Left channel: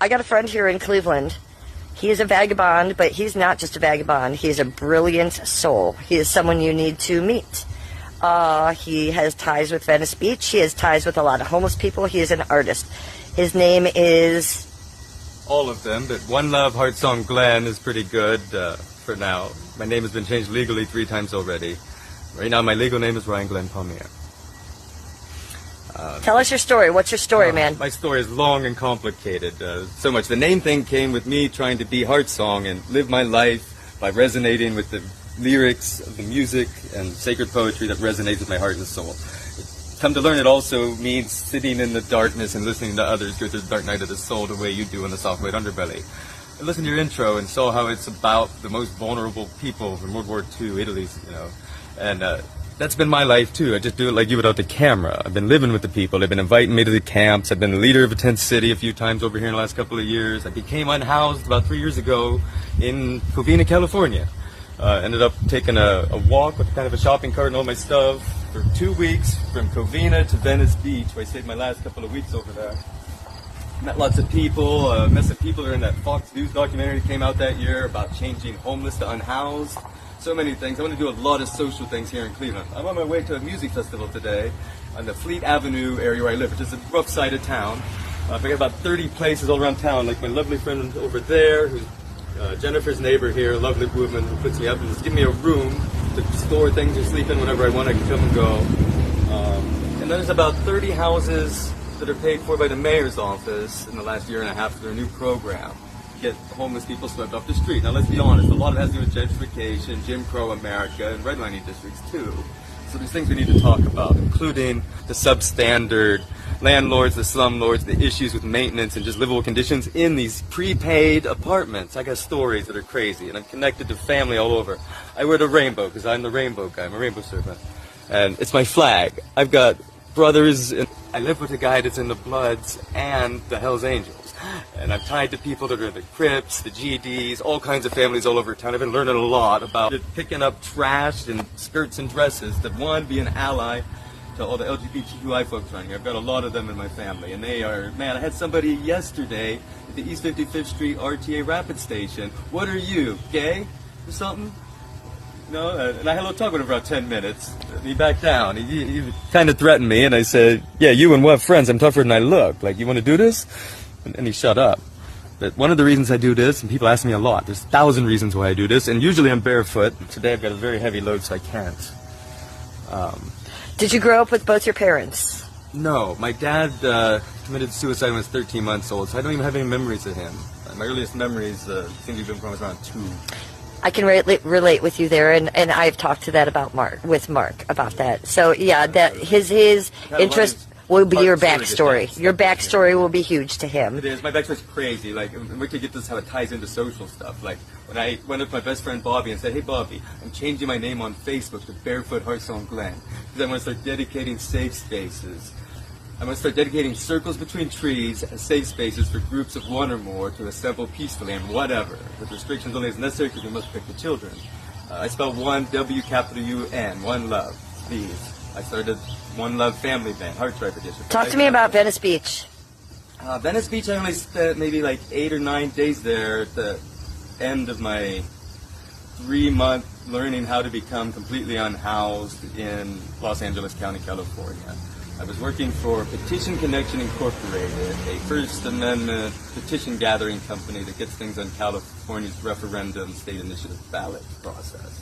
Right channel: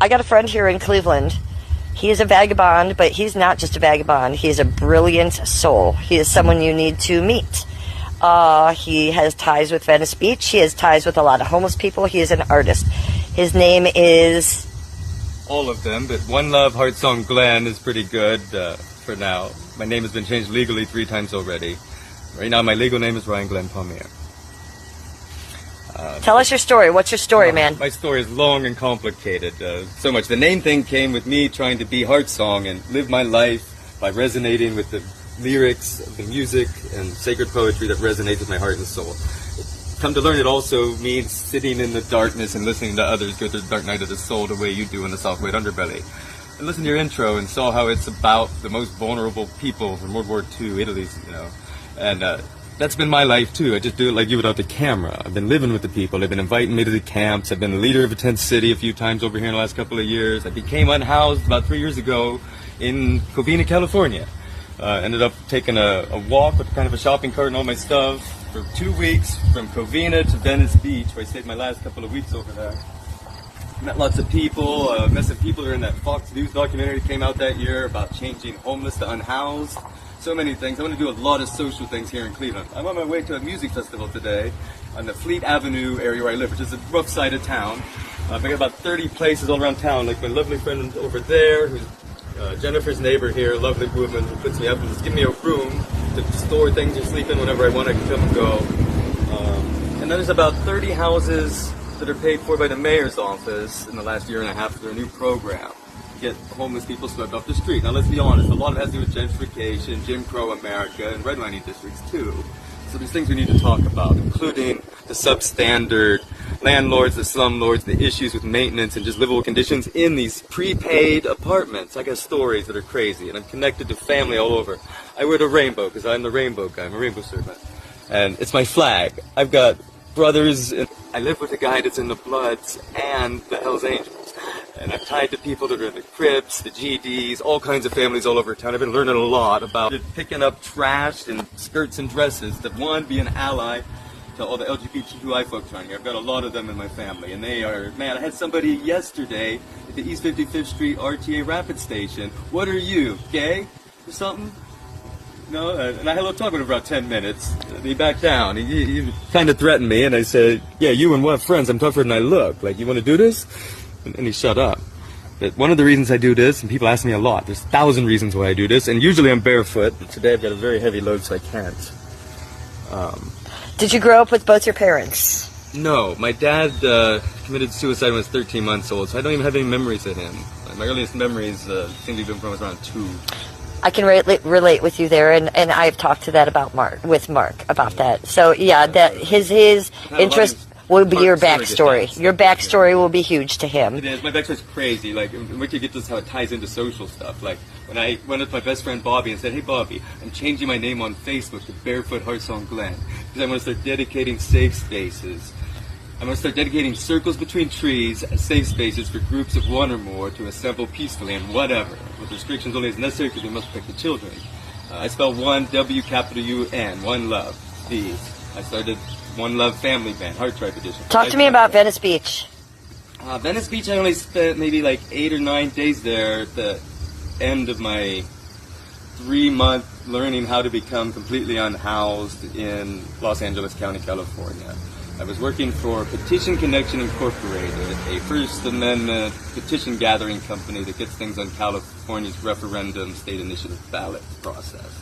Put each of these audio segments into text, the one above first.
I got a friend here in Cleveland. He is a vagabond, but he's not just a vagabond. He's a brilliant soul. He is someone you need to meet. He has ties with Venice Beach. He has ties with a lot of homeless people. He is an artist. His name is... All of them, but One Love Heartsong Glenn is pretty good for now. My name has been changed legally 3 times already. Right now my legal name is Ryan Glenn Palmier. Tell us your story. What's your story, man? My story is long and complicated. So much. The main thing came with me trying to be Heartsong and live my life by resonating with the lyrics, the music, and sacred poetry that resonates with my heart and soul. Come to learn, it also means sitting in the darkness and listening to others go through the dark night of the soul the way you do in the soft white underbelly. And listen to your intro and saw how it's about the most vulnerable people from World War II, Italy, you know. And that's been my life too. I just do it like you without the camera. I've been living with the people. They've been inviting me to the camps. I've been the leader of a tent city a few times over here in the last couple of years. I became unhoused about 3 years ago in Covina, California. Ended up taking a walk with kind of a shopping cart and all my stuff for 2 weeks from Covina to Venice Beach, where I stayed my last couple of weeks over there. Met lots of people, met some people who are in that Fox News documentary that came out that year about changing homeless to unhoused. So many things. I want to do a lot of social things here in Cleveland. I'm on my way to a music festival today on the Fleet Avenue area where I live, which is a rough side of town. I got about 30 places all around town, like my lovely friend over there, who's Jennifer's neighbor here, a lovely woman who puts me up and just give me a room to store things and sleep in whenever I want. I can come and go. And then there's about 30 houses that are paid for by the mayor's office in the last year and a half through a new program. Get homeless people swept off the street. Now let's be honest, a lot of it has to do with gentrification, Jim Crow America, and redlining districts too. So there's things we need to talk about, including the substandard landlords, the slumlords, the issues with maintenance and just livable conditions in these prepaid apartments. I got stories that are crazy, and I'm connected to family all over. I wear the rainbow because I'm the rainbow guy. I'm a rainbow servant. And it's my flag. I've got brothers. I live with a guy that's in the Bloods and the Hells Angels. And I'm tied to people that are in the Crips, the GDs, all kinds of families all over town. I've been learning a lot about picking up trash and skirts and dresses that, one, be an ally to all the LGBTQI folks around here. I've got a lot of them in my family, and they are, man, I had somebody yesterday at the East 55th Street RTA Rapid Station. What are you, gay or something? No, and I had a little talk with him for about 10 minutes. And he backed down. He kind of threatened me, and I said, yeah, you and what friends? I'm tougher than I look. Like, you want to do this? And he shut up. But one of the reasons I do this, and people ask me a lot, there's 1,000 reasons why I do this, and usually I'm barefoot. Today I've got a very heavy load, so I can't. Did you grow up with both your parents? No, my dad committed suicide when I was 13 months old, so I don't even have any memories of him. My earliest memories seem to be from when I was around 2. I can relate with you there, and I've talked to that about Mark about that. So yeah, that his interest will be your backstory. Your backstory will be huge to him. It is. My backstory's crazy. Like, we could get this how it ties into social stuff. Like, when I went with my best friend Bobby and said, hey Bobby, I'm changing my name on Facebook to Barefoot Heartsong Glenn, because I want to start dedicating safe spaces. I'm going to start dedicating circles between trees as safe spaces for groups of 1 or more to assemble peacefully and whatever, with restrictions only as necessary because we must protect the children. I spelled one W-U-N, One Love. These. I started One Love Family Band, Heartstripe Edition. Talk to me about Venice Beach. Venice Beach, I only spent maybe like 8 or 9 days there at the end of my 3-month learning how to become completely unhoused in Los Angeles County, California. I was working for Petition Connection Incorporated, a First Amendment petition gathering company that gets things on California's referendum state initiative ballot process.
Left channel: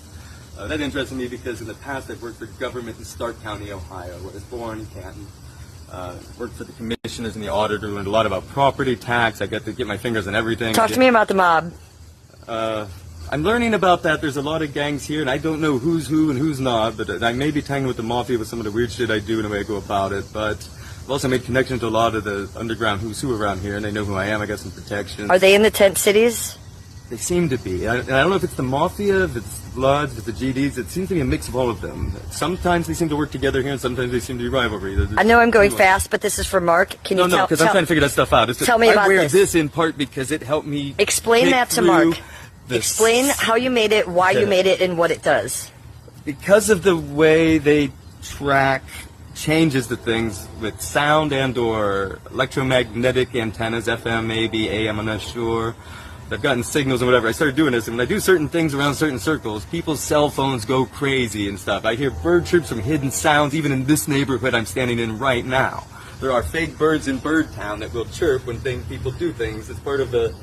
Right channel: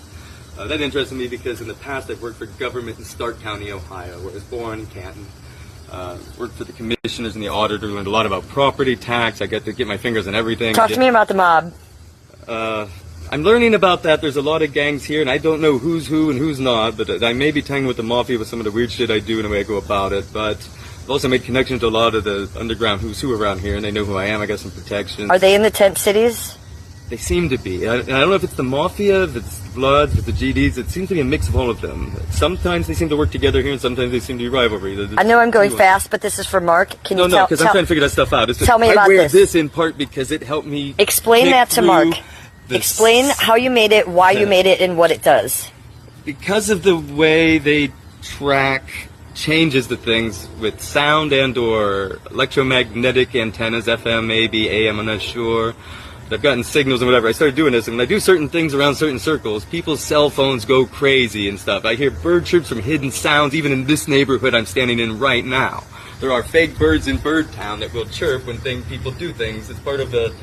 That interested me because in the past I've worked for government in Stark County, Ohio, where I was born in Canton. Worked for the commissioners and the auditor, learned a lot about property tax. I got to get my fingers on everything. Talk to me about the mob. I'm learning about that. There's a lot of gangs here, and I don't know who's who and who's not, but I may be tangled with the mafia with some of the weird shit I do and the way I go about it, but I've also made connections to a lot of the underground who's who around here, and they know who I am. I got some protection. Are they in the tent cities? They seem to be. I don't know if it's the mafia, if it's Bloods, if it's the GDs. It seems to be a mix of all of them. Sometimes they seem to work together here, and sometimes they seem to be rivalry. I know I'm going fast, but this is for Mark. Can you No, because I'm trying to figure that stuff out. Tell me about this. I wear this in part because it helped me. Explain that to Mark. Explain how you made it, why you made it, and what it does. Because of the way they track changes the things with sound and or electromagnetic antennas, FM, maybe AM, I'm not sure. I've gotten signals and whatever. I started doing this, and when I do certain things around certain circles, people's cell phones go crazy and stuff. I hear bird chirps from hidden sounds, even in this neighborhood I'm standing in right now. There are fake birds in Bird Town that will chirp when people do things. It's part of a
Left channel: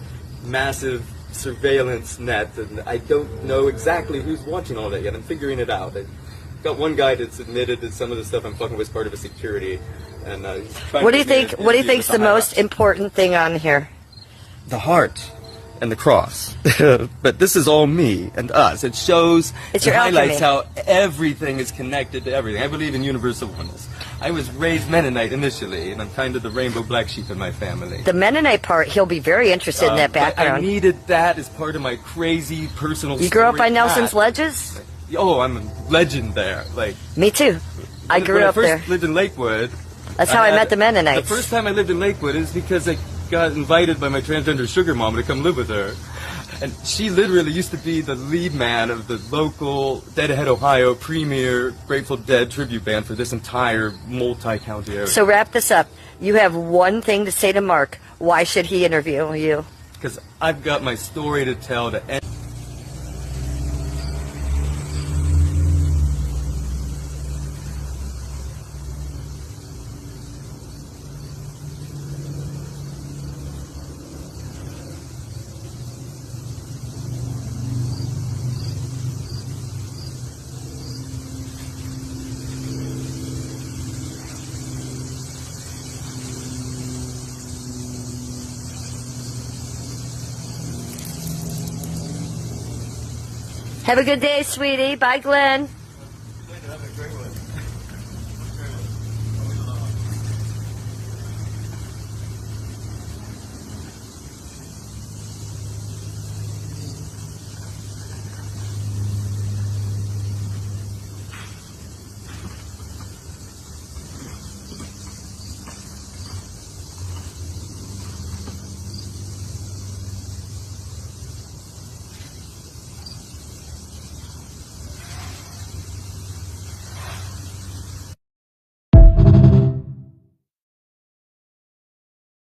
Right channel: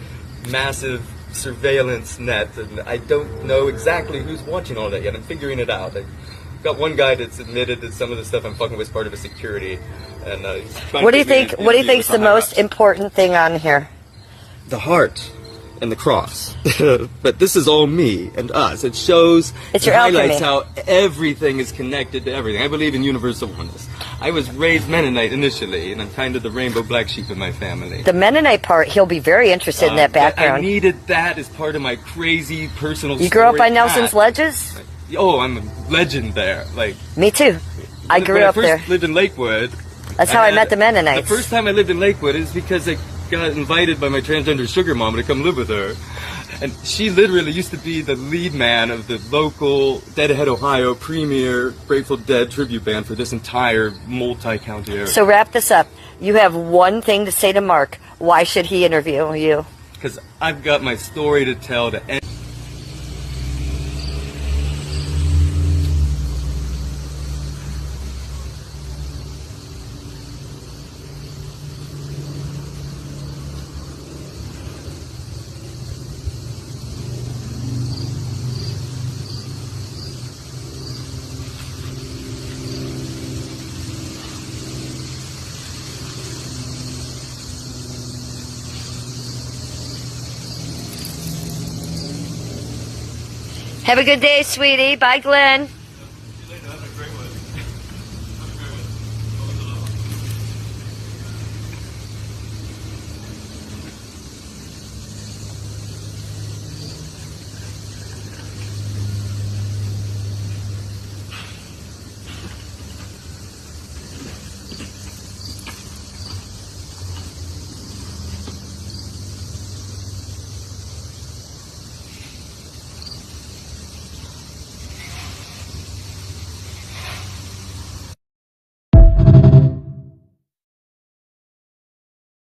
massive surveillance net, and I don't know exactly who's watching all that yet. I'm figuring it out. I've got one guy that's admitted that some of the stuff I'm fucking with is part of a security. And what do you think? What do you think's the most important thing on here? The heart. And the cross. But this is all me and us. It shows, it's your highlights alchemy. How everything is connected to everything. I believe in universal oneness. I was raised Mennonite initially, and I'm kind of the rainbow black sheep in my family. The Mennonite part, he'll be very interested in that background. I needed that as part of my crazy personal You grew up on Nelson's Ledges? Oh, I'm a legend there. Like me too. I grew up there. When I first lived in Lakewood. That's how I met the Mennonites. The first time I lived in Lakewood is because I got invited by my transgender sugar mom to come live with her. And she literally used to be the lead man of the local Deadhead, Ohio premier Grateful Dead tribute band for this entire multi-county area. So wrap this up. You have one thing to say to Mark. Why should he interview you? Because I've got my story to tell to end. Have a good day, sweetie. Bye, Glenn.